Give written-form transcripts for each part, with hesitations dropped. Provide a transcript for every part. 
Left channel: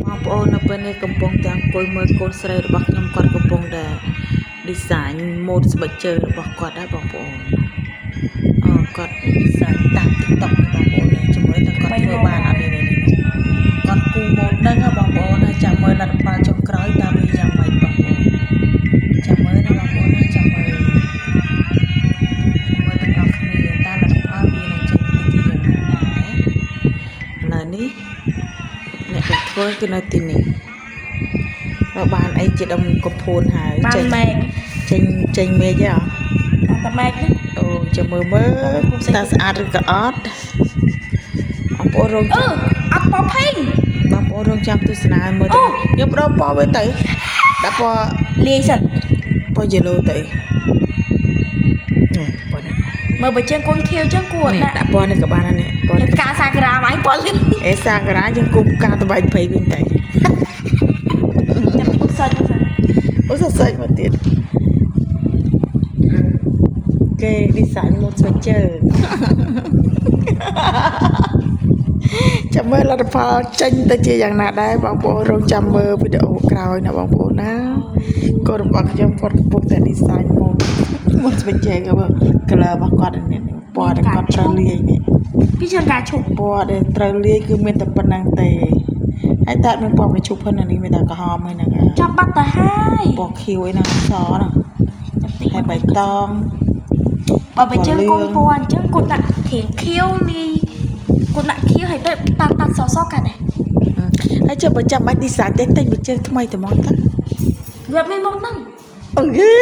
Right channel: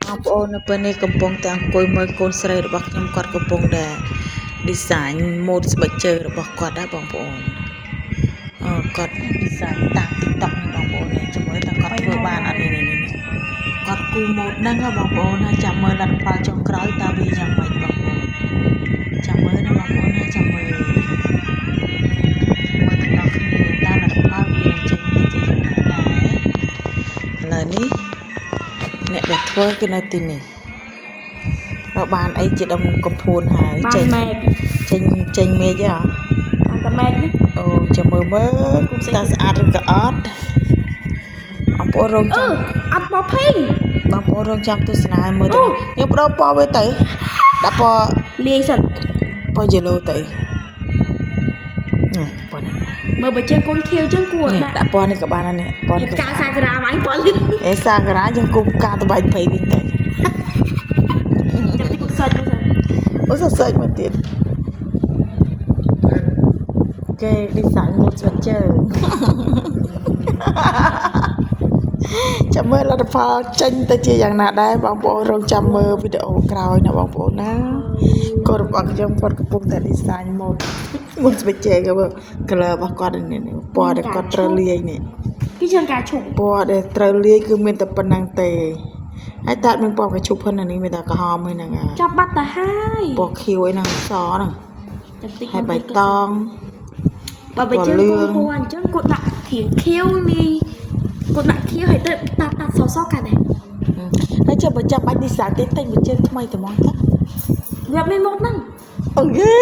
បងប្អូននៅពេលនេះកំពុងតែអង្គុយមើលកូនស្រីរបស់ខ្ញុំគាត់កំពុងតែ design ម៉ូដស្បែកជើងរបស់គាត់ដែរបងប្អូនគាត់ design តាម TikTok បងប្អូនជំរឿនតែគាត់ធ្វើបានអត់នេះគាត់គូម៉ូដហ្នឹងបងប្អូនចាំមើលលទ្ធផលចុងក្រោយតើវាយ៉ាងម៉េចបងប្អូនចាំមើលណាបងប្អូនចាំមើលទាំងអស់គ្នាតើលទ្ធផលវានឹងចេញទៅជាយ៉ាងណាដែរឥឡូវនេះអ្នកដែលធ្វើគឺនៅទីនេះเราបានអីជាដុំកំភួនហើយចេញមេឃទេអត់តែមេឃអូចាំមើលតើស្អាតឬក៏អត់បងប្អូនរងចាំអត់ពណ៌ភេងបងប្អូនរងចាំទស្សនាមើលទៅខ្ញុំបដូរពណ៌វាទៅដាក់ពណ៌លាយសិនពណ៌ yellow ទៅនេះពណ៌នេះមើលបើជើងកូនខៀវជើងគួរដាក់ពណ៌នេះក៏បានដែរនេះពណ៌នេះផ្កាសាក្រាមកពណ៌លឿងសាក្រាយើងគុំផ្កាតបៃភ័យវិញទៅអូសសាច់មកទៀតគេវិសាលងត់ស្បែកជើងចាំមើលលទ្ធផលចេញទៅជាយ៉ាងណាដែរបងប្អូនរងចាំមើលវីដេអូក្រោយណាបងប្អូនណាកូនរបស់ខ្ញុំគាត់កំពុងតែ design ម៉ូដស្បែកជើងមើល color របស់គាត់នេះពណ៌ដែលគាត់ត្រូវលាយនេះពីជាការឈប់ពណ៌ដែលត្រូវលាយគឺមានតែប៉ុណ្្នឹងទេហើយតាត់មានពណ៌កញ្ជុកហ្នឹងនេះមានតែក្រហមហ្នឹងចាប់បាត់ទៅហើយពណ៌ខៀវអីហ្នឹងសហ្នឹងហើយបៃតងបើបើជើងកូនពណ៌អញ្ចឹងគាត់ដាក់ខៀវលាយគាត់ដាក់ខៀវហើយទៅតាត់សកាណាហើយចុះបើចាំបាច់ design ទេតែបើជើងថ្មីតែមកទៅវាមានមកហ្នឹងអូខេ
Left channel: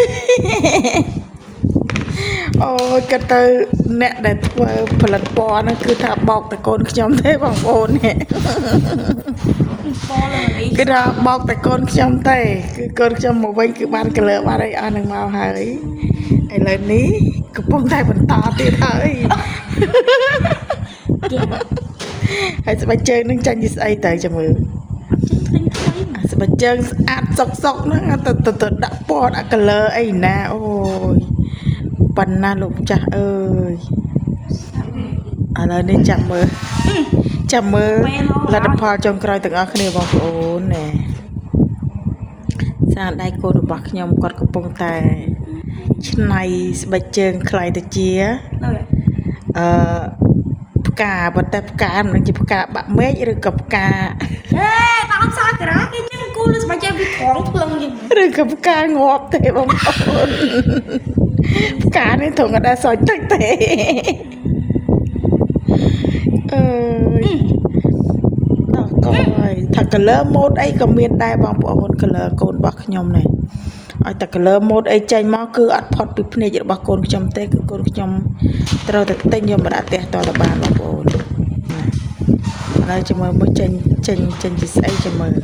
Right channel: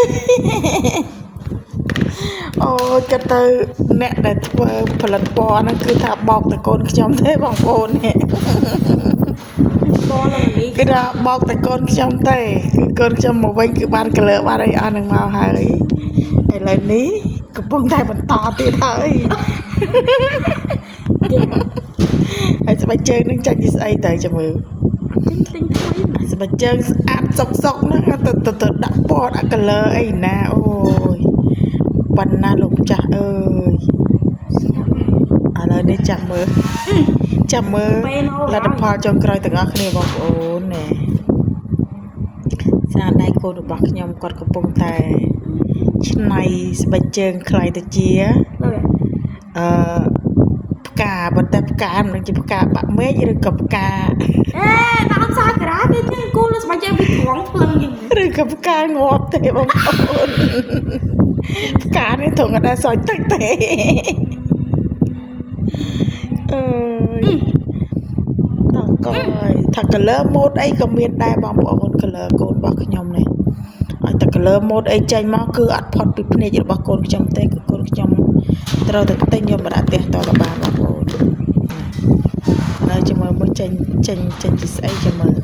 អូគាត់ទៅអ្នកដែលធ្វើផលិតពណ៌ហ្នឹងគឺថាបោកតែកូនខ្ញុំទេបងប្អូននេះគឺថាបោកតែកូនខ្ញុំទេគឺកូនខ្ញុំមកវិញគឺបាន color បានអីអស់នឹងមកហើយឥឡូវនេះកំពុងតែបន្តទៀតហើយហើយស្បែកជើងនឹងចាញ់ពីស្អីទៅចាំមើលស្បែកជើងស្អាតសុកហ្នឹងទៅដាក់ពណ៌ដាក់ color អីណាអូយប៉ុណ្ណាលោកចាស់អើយឥឡូវនេះចាំមើលលទ្ធផលចុងក្រោយទាំងអស់គ្នាបងប្អូនណែស្នាដៃកូនរបស់ខ្ញុំគាត់កំពុងតែឆ្នៃស្បែកជើងខ្លាយទៅជាផ្កាប៉ុន្តែផ្កាមិនជាផ្កាបាក់មេឃឬក៏ផ្កាតាមសាក្រាគេញ៉ាំគូលើស្បែកជើងវាត្រង់ភ្លឹងឬក៏ផ្កាងាប់ទេបងប្អូនផ្កានេះត្រង់អត់ដែរសល់ទឹកទេអើយតោះកយថា color mode អីក៏មានដែរបងប្អូន color កូនរបស់ខ្ញុំនេះឲ្យតែ color mode អីចេញមកគឺអត់ផុតពីភ្នែករបស់កូនខ្ញុំទេគឺកូនខ្ញុំត្រូវតែទិញយកមកដាក់ផ្ទះតទៅបានបងប្អូនហើយចាំមើលចេញពីស្អីចាំមើល